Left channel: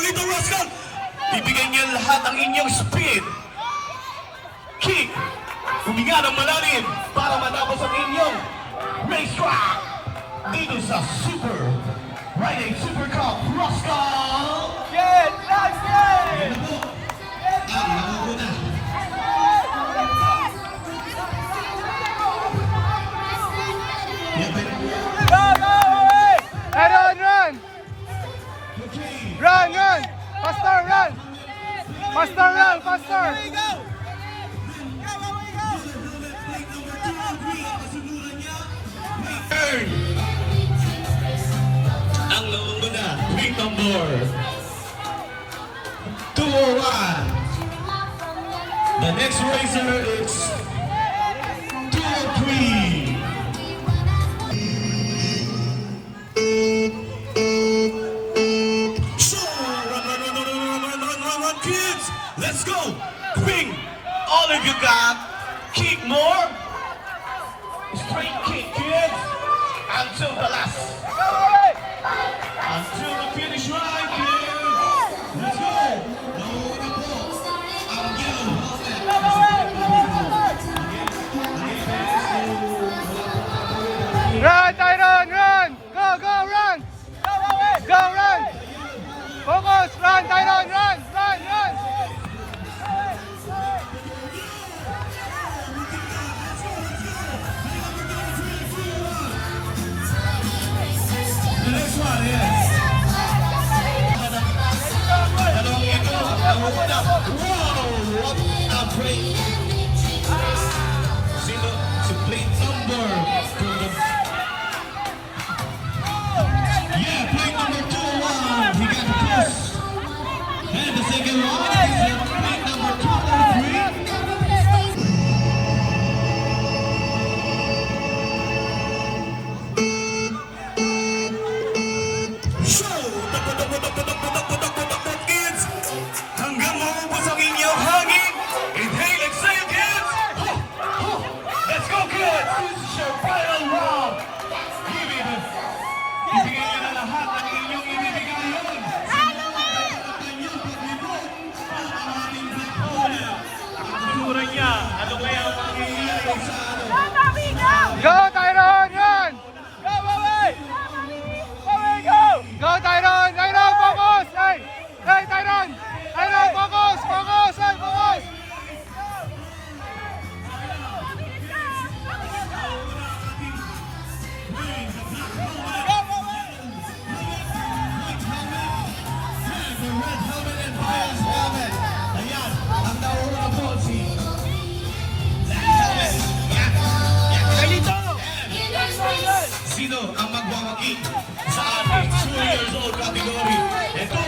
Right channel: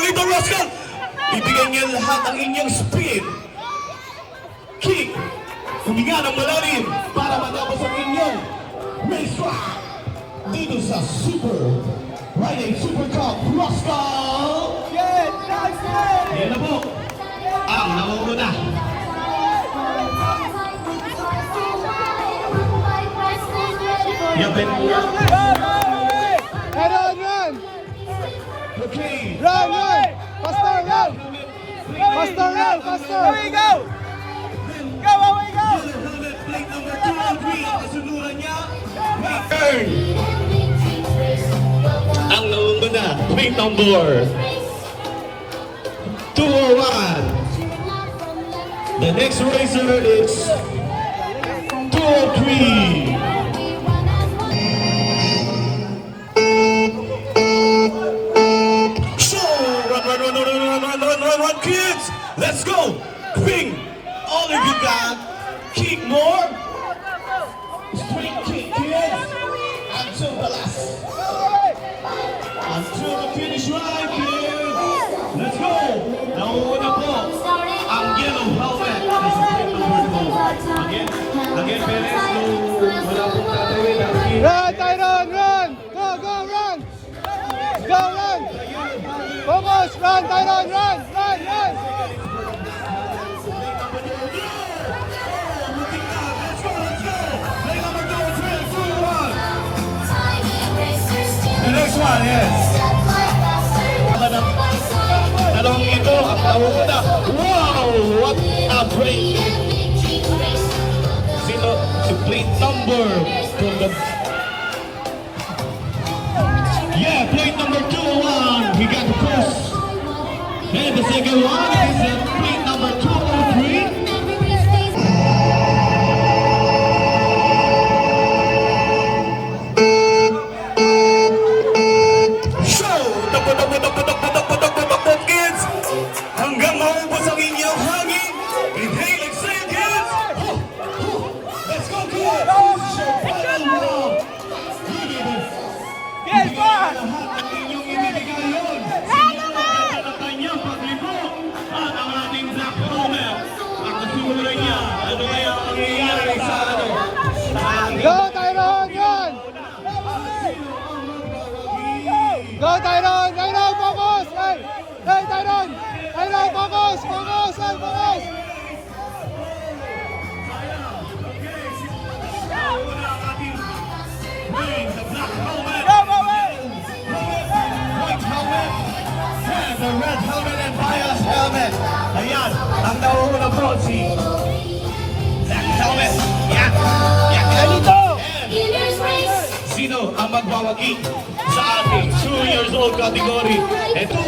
Little Rascal! Ibigay niya lahat ang inyong speed. Kick! Huminga ng malalim para matapos ang inyong racetrack. Dito sa Super Friday Super Cup Rascal! Yan na po ang namumuna. Run! Okay. Run! Faster, run! Faster, run! Faster! Away go! Go, away go! Plate number 2 and 3. Kasunuran niya. Turn! Ang namumuna. Plate number 201. The next racer is 203. Run, kids! Let's go! Swing! All of you got kick more. Straight kick, kids! Until the last. Until the finish line, kids! Let's go! Nauna po ang yellow helmet. Again, Perez, wala pong tatawid. Run, Tyron! Run! Go, run! Go, run! Focus! Run, Tyron! Run! The next one, yes. Talong ito, ang nauna. Wow! What a break! Sino? Si plate number from the... Yeah, plate number 201. He got the push. And the second one is plate number 203. Kids, hanggang maubos ang inyong hangin. Inhale, exhale, kids. Let's go, kids. This is your final round. Give it. Ibigay na lahat ang inyong ibibigay. Sinyo ang ganda ng kanyang paglibot at ang ating black owner. Ang kusura niya. Ano ba yung nangyayari sa ano? Go, Tyron! Run! Go, Tyron! Tyron, focus! Hey, Tyron! Tyron, focus! Hey, focus! The black helmet. White helmet. And the red helmet and bias helmet. Ayan, ang nauuna po si black helmet. Yan. Ganito. Sino ang magwawagi sa ating 2 years old category? Ito